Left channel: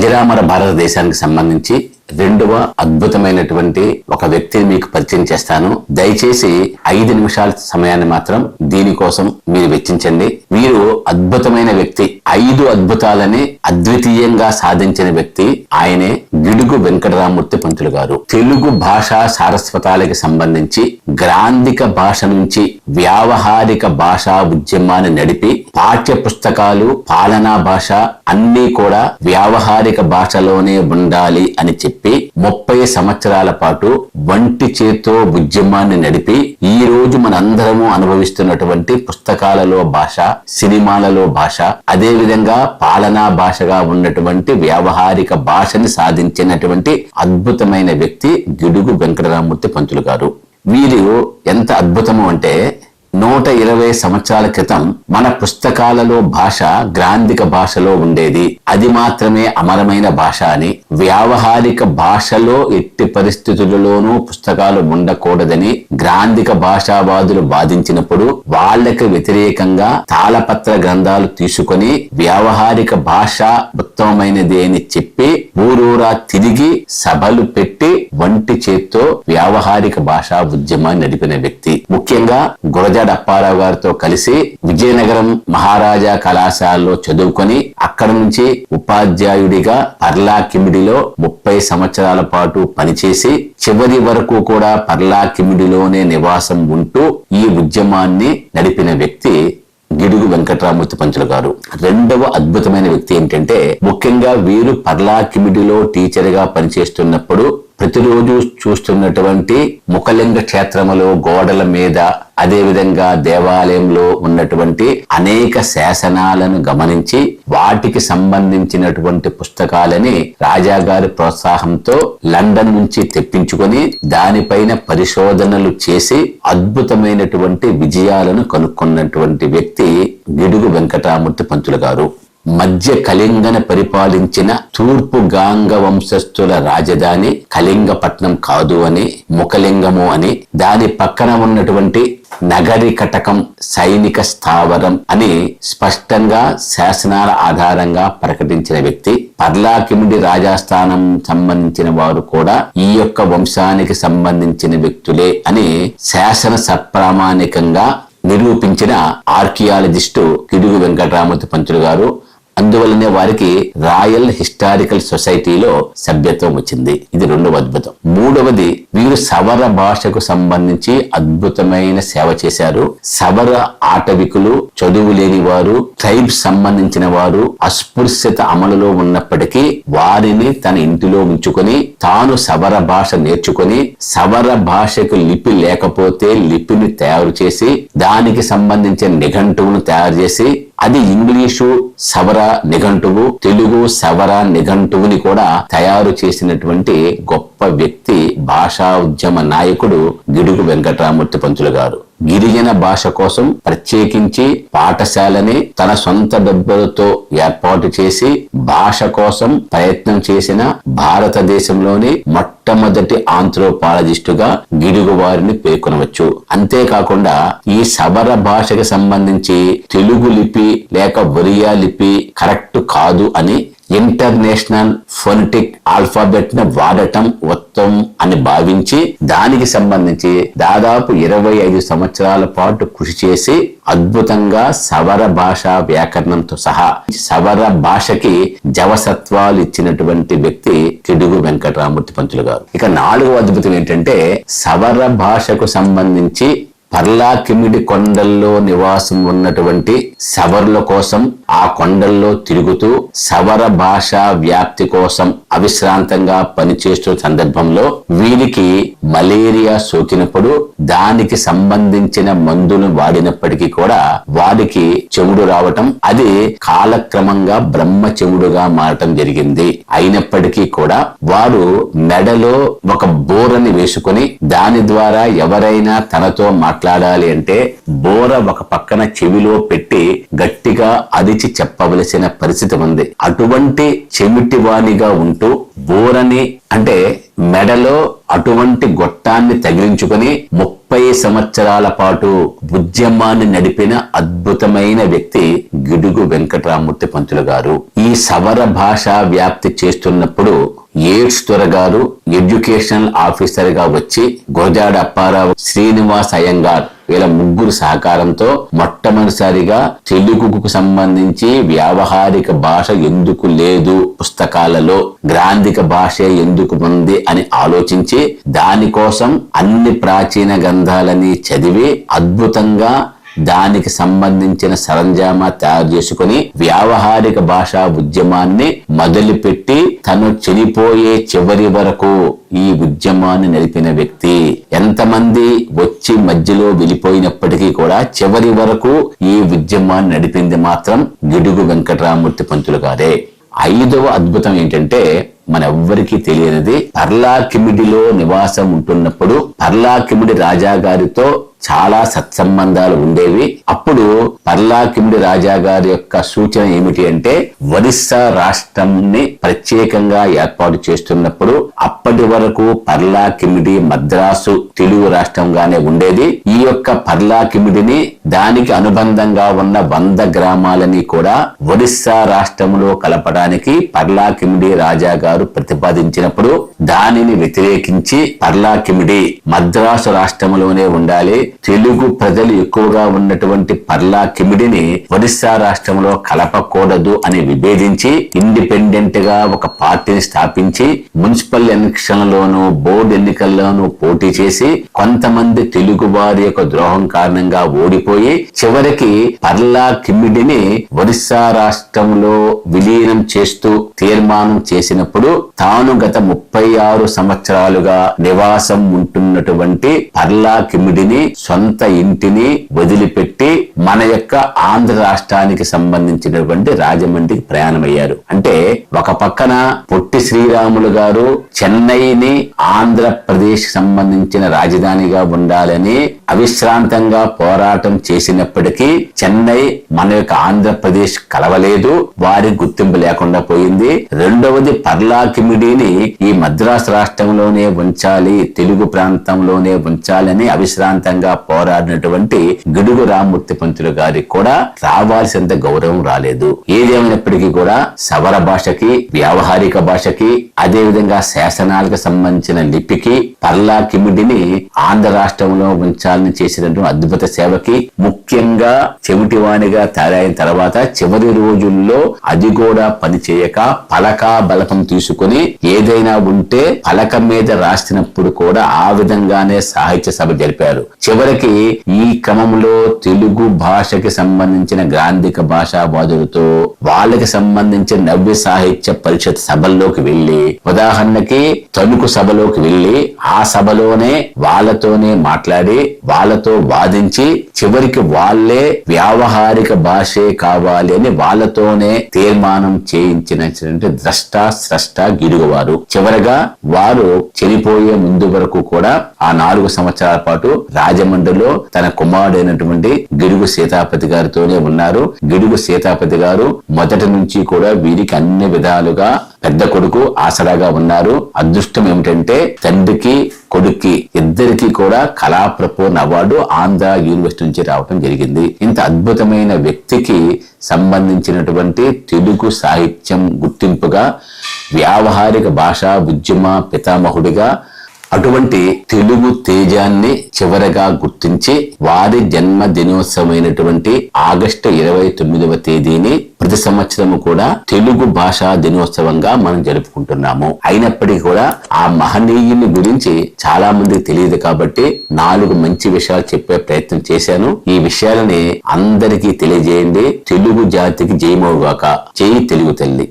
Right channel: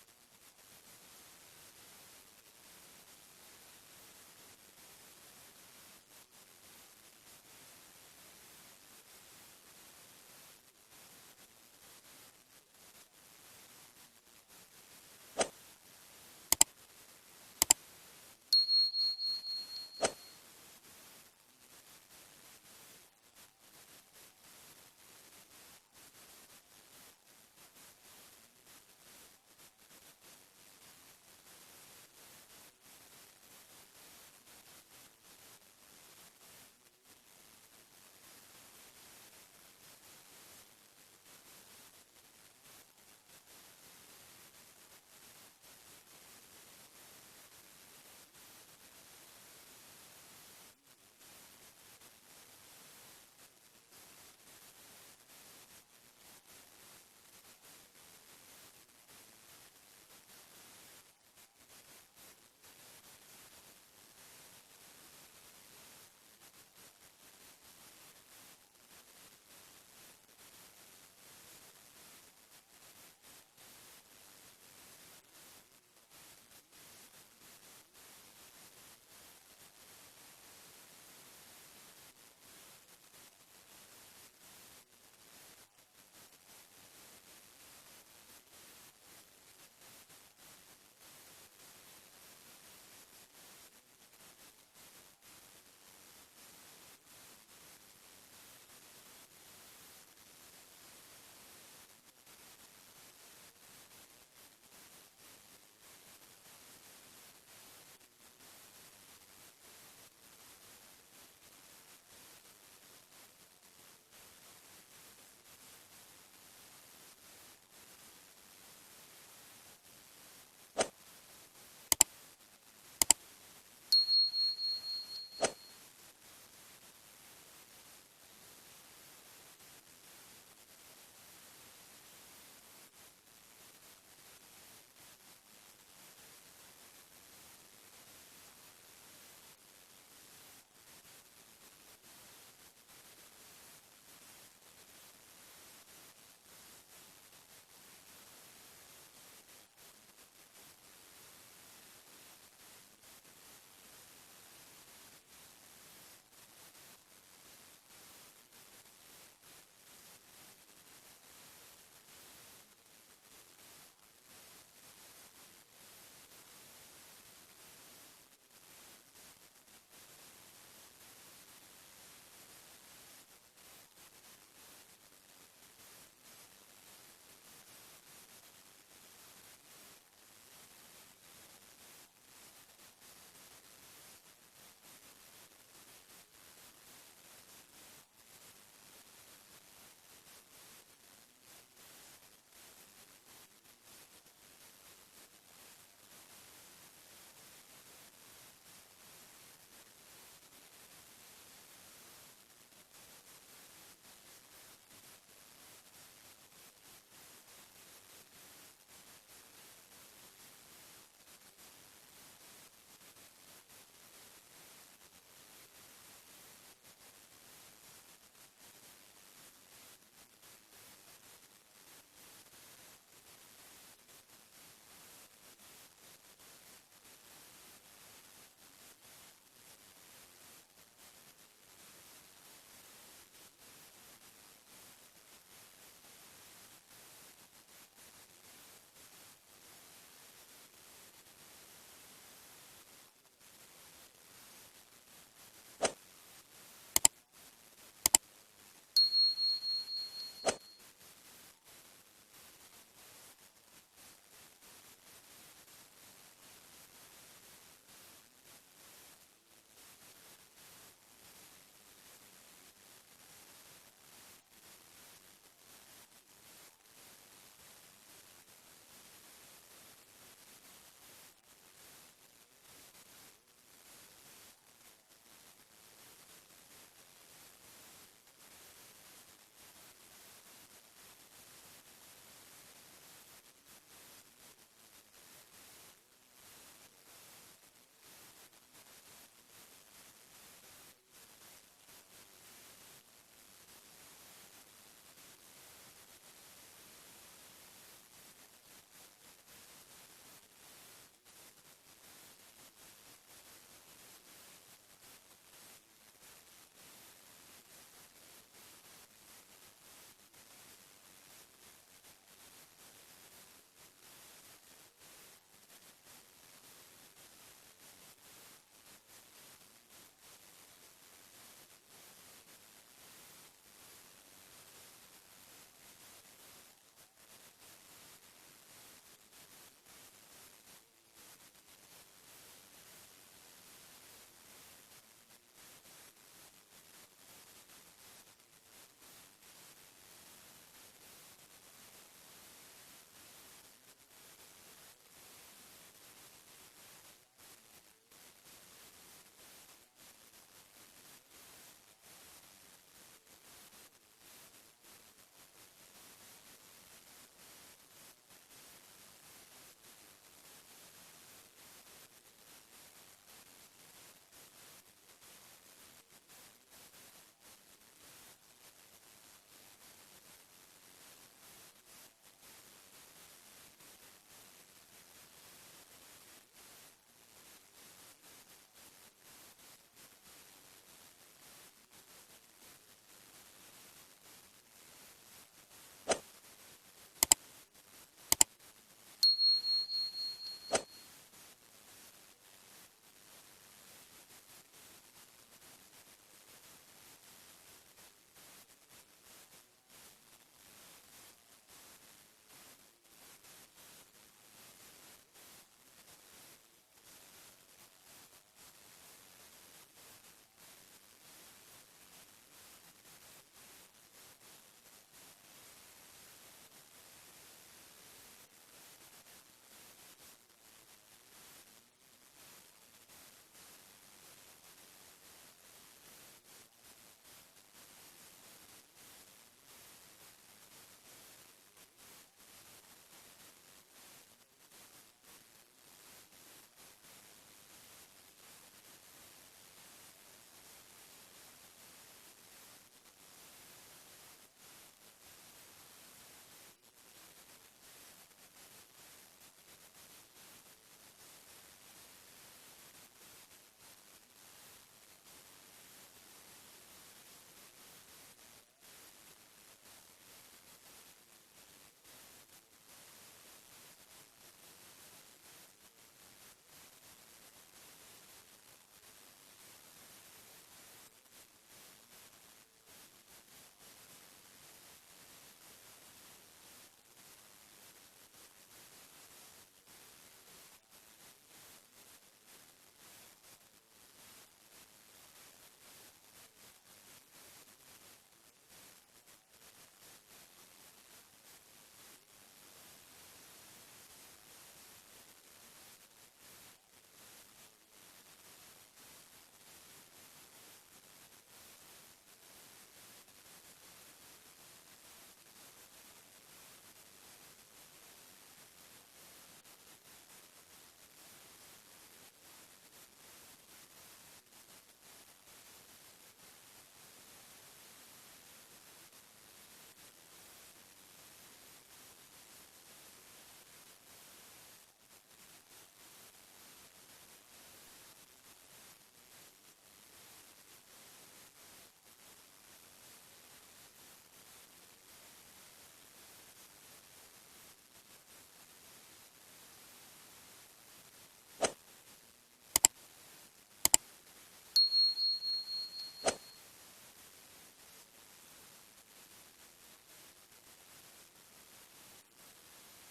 అజరామర భారతదేశానికి సంబంధించి రెండవ అద్భుతమైనటువంటి ఒక వ్యక్తిని మీకు పరిచయం చేస్తాను. దయచేసి ఐదు నిమిషాల సమయాన్ని మాత్రం దీనికోసం మీరు వెచ్చించండి. వీరు అద్భుతమైన వ్యక్తి. ఐదు అద్భుతాలని అద్వితీయంగా సాధించిన వ్యక్తి ఆయనే గిడుగు వెంకటరామూర్తి పంతులు గారు. తెలుగు భాషా సారస్వతాలకి సంబంధించి గ్రాంధిక భాష నుంచి వ్యావహారిక భాషా ఉద్యమాన్ని నడిపి పాఠ్య పుస్తకాలు పాలనా భాష అన్నీ కూడా వ్యావహారిక భాషలోనే ఉండాలి అని చెప్పి ముప్పై సంవత్సరాల పాటు వంటి చేతో ఉద్యమాన్ని నడిపి ఈ రోజు మనందరము అనుభవిస్తున్నటువంటి పుస్తకాలలో భాష సినిమాలలో భాష అదే విధంగా పాలనా భాషగా ఉన్నటువంటి వ్యావహారిక భాషని సాధించినటువంటి అద్భుతమైన వ్యక్తి గిడుగు వెంకటరామూర్తి పంతులు గారు. వీరు ఎంత అద్భుతము అంటే యాభై సంవత్సరాల క్రితం మన పుస్తకాలలో భాష గ్రాంధిక భాషలో ఉండేది. అది మాత్రమే అమరమైన భాష అని వ్యావహారిక భాషలో ఎట్టి పరిస్థితులలోనూ పుస్తకాలు ఉండకూడదని గ్రాంధిక భాషావాదులు వాదించినప్పుడు వాళ్ళకి వ్యతిరేకంగా తాళపత్ర గ్రంథాలు తీసుకొని వ్యావహారిక భాష ఉత్తమమైనది అని చెప్పి ఊరూరా తిరిగి సభలు పెట్టి వంటి చేత్తో వ్యావహారిక భాషా ఉద్యమాన్ని నడిపిన వ్యక్తి. ముఖ్యంగా గురజాడ అప్పారావు గారితో కలిసి విజయనగరం మహారాజా కళాశాలలో చదువుకొని అక్కడ నుంచి ఉపాధ్యాయుడిగా పర్లా కిమిడిలో ముప్పై సంవత్సరాల పాటు పనిచేసి చివరి వరకు కూడా పర్లా కిమిడిలోనే నివాసం ఉంటూ ఈ ఉద్యమాన్ని నడిపిన వ్యక్తి గిడుగు వెంకటరామూర్తి పంతులు గారు. రెండవ అద్భుతమైన వ్యక్తి ఏంటంటే ముఖ్యంగా వీరు పర్లా కిమిడిలో టీచర్గా పనిచేస్తున్నప్పుడు ప్రతిరోజు చూస్తున్నటువంటి ముఖలింగ క్షేత్రములో గోడల మీద అదేవిధంగా దేవాలయంలో ఉన్నటువంటి అనేక శాసనాలను గమనించి వాటికి సంబంధించినటువంటి పుస్తకాలని రాజాగారి ప్రోత్సాహంతో లండన్ నుంచి తెప్పించుకొని దానిపైన పరిశోధనలు చేసి అద్భుతమైనటువంటి విజయాలను కనుక్కున్నటువంటి వ్యక్తి గిడుగు వెంకటామూర్తి పంతులు గారు. మధ్య కళింగన పరిపాలించిన తూర్పు గాంగ వంశస్థుల రాజధాని కళింగపట్నం కాదు అని ముఖలింగము అని దాని పక్కన ఉన్నటువంటి నగరి కటకం సైనిక స్థావరం అని స్పష్టంగా శాసనాల ఆధారంగా ప్రకటించిన వ్యక్తి. పర్లాకిమిడి రాజాస్థానం సంబంధించిన వారు కూడా ఈ యొక్క వంశానికి సంబంధించిన వ్యక్తులే అని శాసన సప్రామాణికంగా నిరూపించిన ఆర్కియాలజిస్టు కిడుగు వెంకటరామూర్తి పంతులు గారు అందువల్లనే వారికి రాయల్ హిస్టారికల్ సొసైటీలో సభ్యత్వం వచ్చింది. ఇది రెండవ అద్భుతం. మూడవది వీరు సవర భాషకు సంబంధించి అద్భుతమైన సేవ చేశారు. సవర ఆటవికులు చదువు లేని వారు ట్రైబ్స్ సంబంధించిన వారు అస్పృశ్యత అమలులో ఉన్నప్పటికీ వారిని తన ఇంటిలో ఉంచుకొని తాను సవర భాష నేర్చుకొని సవర భాషకు లిపి లేకపోతే లిపిని తయారు చేసి దానికి సంబంధించిన నిఘంటువును తయారు చేసి అది ఇంగ్లీషు సవర నిఘంటువు తెలుగు సవర నిఘంటువుని కూడా తయారు చేసినటువంటి గొప్ప వ్యక్తి భాషా ఉద్యమ నాయకుడు గిడుగు వెంకటరామూర్తి పంతులు గారు. గిరిజన భాష కోసం ప్రత్యేకించి పాఠశాలని తన సొంత డబ్బులతో ఏర్పాటు చేసి భాష కోసం ప్రయత్నం చేసిన భారతదేశంలోని మొట్టమొదటి ఆంథ్రోపాలజిస్టుగా గిడుగు వారిని పేర్కొనవచ్చు. అంతేకాకుండా ఈ సబర భాషకి సంబంధించి తెలుగు లిపి లేక ఒరియా లిపి కరెక్ట్ కాదు అని ఇంటర్నేషనల్ ఫొనటిక్ ఆల్ఫాబెట్ను వాడటం ఉత్తమం అని భావించి దానికి సంబంధించి దాదాపు ఇరవై ఐదు సంవత్సరాల పాటు కృషి చేసి అద్భుతంగా సవర భాష వ్యాకరణంతో సహా సవర భాషకి జవసత్వాలు ఇచ్చినటువంటి వ్యక్తి కిడుగు వెంకటరామూర్తి పంతులు గారు. ఇక నాలుగవ అద్భుతం ఏంటంటే సవర భాషకు సంబంధించి పర్లా కిమిడి కొండల్లో నివాసం ఉన్నటువంటి సవర్ల కోసం ఆ కొండల్లో తిరుగుతూ సవర భాష వ్యాప్తి కోసం అవిశ్రాంతంగా పనిచేస్తున్న సందర్భంలో వీరికి మలేరియా సోకినప్పుడు దానికి సంబంధించిన మందులు వాడినప్పటికీ కూడా వారికి చెవుడు రావటం అది కాలక్రమంగా బ్రహ్మ చెవుడుగా మారటం జరిగింది. అయినప్పటికీ కూడా వారు మెడలో ఒక బోరని వేసుకొని దాని ద్వారా ఎవరైనా తనతో మాట్లాడ మాట్లాడాలి అంటే బోర ఒక పక్కన చెవిలో పెట్టి గట్టిగా అదిచి చెప్పవలసిన పరిస్థితి ఉంది. అటువంటి చెమిటివానిగా ఉంటూ బోరని అంటే మెడలో అటువంటి గొట్టాన్ని తగిలించుకొని ముప్పై సంవత్సరాల పాటు ఉద్యమాన్ని నడిపిన అద్భుతమైన వ్యక్తి గిడుగు వెంకటరామూర్తి పంతులు గారు. ఈ సవర భాష వ్యాప్తి చేస్తున్నప్పుడు ఎయిడ్స్ త్వరగారు ఎడ్యుకేషనల్ ఆఫీసర్గా వచ్చి గురజాడ అప్పారావు శ్రీనివాస్ అయ్యంగార్ వీళ్ళ ముగ్గురు సహకారంతో మొట్టమొదటిసారిగా తెలుగుకు సంబంధించి వ్యావహారిక భాష ఎందుకు లేదు పుస్తకాలలో గ్రాంధిక భాష ఎందుకు ఉంది అని ఆలోచించి దానికోసం అన్ని ప్రాచీన గ్రంథాలని చదివి అద్భుతంగా దానికి సంబంధించిన సరంజామా తయారు చేసుకుని వ్యావహారిక భాషా ఉద్యమాన్ని మొదలుపెట్టి తను చనిపోయే చివరి వరకు ఈ ఉద్యమాన్ని నడిపిన వ్యక్తి ఎంతమంది వచ్చి మధ్యలో వెళ్ళిపోయినప్పటికీ కూడా చివరి వరకు ఈ ఉద్యమాన్ని నడిపింది మాత్రం గిడుగు వెంకటరామూర్తి పంతులు గారే. ఐదవ అద్భుతం ఏంటంటే మన ఎవ్వరికీ తెలియనిది పర్లా కిమిడిలో నివాసం ఉంటున్నప్పుడు పర్లా కిమిడి రాజా గారితో చాలా సత్సంబంధాలు ఉండేవి. అప్పుడు పర్లా కిమిడి రాజా గారి యొక్క సూచన ఏమిటి అంటే ఒరిస్సా రాష్ట్రంని ప్రత్యేకంగా ఏర్పాటు చేస్తున్నప్పుడు అప్పటి వరకు పర్లా కిమిడి మద్రాసు తెలుగు రాష్ట్రంగానే ఉండేది. ఈ యొక్క పర్లా కిమిడిని దానికి అనుబంధంగా ఉన్న వంద గ్రామాలని కూడా ఒరిస్సా రాష్ట్రంలో కలపడానికి పర్లా కిమిడి రాజా గారు ప్రతిపాదించినప్పుడు దానిని వ్యతిరేకించి పర్లా కిమిడి మద్రాసు రాష్ట్రంలోనే ఉండాలి. తెలుగు ప్రజలు ఎక్కువగా ఉన్నటువంటి పర్లా కిమిడిని ఒరిస్సా రాష్ట్రంలో కలపకూడదు అని విభేదించి ఇండిపెండెంట్గా ఒక పార్టీని స్థాపించి మున్సిపల్ ఎన్నికలలోనూ బోర్డు ఎన్నికల్లోనూ పోటీ చేసి కొంతమంది తెలుగు వారి యొక్క ద్రోహం కారణంగా ఓడిపోయి చివరికి పర్లా కిమిడిని ఒరిస్సా రాష్ట్రంలో విలీనం చేస్తూ తీర్మానం చేసినప్పుడు తాను గత ముప్పై ఆరు సంవత్సరాలుగా నివాసం ఉంటున్నటువంటి పర్లా కిమిడిని సొంత ఇంటిని వదిలిపెట్టి మన యొక్క ఆంధ్ర రాష్ట్రానికి సంబంధించినటువంటి రాజమండ్రికి ప్రయాణమయ్యారు. అంటే ఒక పక్కన పొట్టి శ్రీరాములు గారు చెన్నైని ఆంధ్రప్రదేశ్ సంబంధించిన రాజధానిగా ఉండాలని అవిశ్రాంతంగా పోరాటం చేసినప్పటికీ చెన్నై మన యొక్క ఆంధ్రప్రదేశ్ కలవలేదు వారి గుర్తింపు లేకుండా పోయింది. రెండవది పర్లా కిమిడిని ఈ మద్రాసు రాష్ట్రంలోనే ఉంచాలి తెలుగు ప్రాంతంలోనే ఉంచాలని అవిశ్రాంతంగా పోరాడినటువంటి గిడుగు రామ్మూర్తి పంతులు గారికి కూడా రావాల్సినంత గౌరవం రాలేదు. ఏదేమైనప్పటికీ కూడా సవర భాషకి వ్యావహారిక భాషకి అదే విధంగా శాసనాలకు సంబంధించిన లిపికి పర్లా కిమిడిని ఆంధ్ర రాష్ట్రంలో ఉంచాలని చేసినటువంటి అద్భుత సేవకి ముఖ్యంగా చెవిటివాణిగా తయారైన తర్వాత చివరి రోజుల్లో అది కూడా పనిచేయక పలక బలకం తీసుకుని ఏదైనా ఉంటే పలక మీద రాసినప్పుడు కూడా ఆ విధంగానే సాహిత్య సభ జరిపారు. చివరికి ఈ క్రమంలో తెలుగు భాషకి సంబంధించిన గ్రాంధిక భాషావాదులతో వాళ్ళకి సంబంధించిన నవ్య సాహిత్య పరిషత్ సభల్లోకి వెళ్ళి ఉదాహరణకి తణుకు సభలోకి వెళ్ళి ఆ సభలోనే వాళ్ళతోనే మాట్లాడి వాళ్ళతో వాదించి చివరికి వాళ్ళే వ్యావహారిక భాషే కావాలి అని వాళ్ళతోనే తీర్మానం చేయించినటువంటి ద్రష్ట స్రష్ట గిరుగువారు. చివరగా వారు చనిపోయే ముందు వరకు కూడా ఆ నాలుగు సంవత్సరాల పాటు రాజమండ్రిలో తన కుమారుడైనటువంటి గిడుగు సీతాపతి గారితోనే ఉన్నారు. గిడుగు సీతాపతి గారు మొదటి నుంచి కూడా వీరికి అన్ని విధాలుగా పెద్ద కొడుకు ఆసరాగా ఉన్నారు. అదృష్టం ఏమిటంటే తండ్రికి కొడుక్కి ఇద్దరికి కూడా కళాప్రపూర్ణ అవార్డు ఆంధ్ర యూనివర్సిటీ నుంచి రావడం జరిగింది. ఇంత అద్భుతమైన వ్యక్తికి సంబంధించినటువంటి తెలుగు సాహిత్యం గుర్తింపుగా వ్యావహారిక భాషా ఉద్యమ పితామహుడిగా అటువంటి తెలుగు తేజాన్ని చివరగా గుర్తించి వారి జన్మ దినోత్సవమైనటువంటి ఆగస్టు ఇరవై తొమ్మిదవ తేదీని ప్రతి సంవత్సరము కూడా తెలుగు భాషా దినోత్సవంగా మనం జరుపుకుంటున్నాము. అయినప్పటికీ కూడా ఆ మహనీయుని గురించి చాలా మందికి తెలియదు కాబట్టి నాలుగు మంచి విషయాలు చెప్పే ప్రయత్నం చేశాను. ఈ విషయాలని అందరికీ తెలియజేయండి. తెలుగు జాతికి జయమవుగాక జై తెలుగు తల్లి.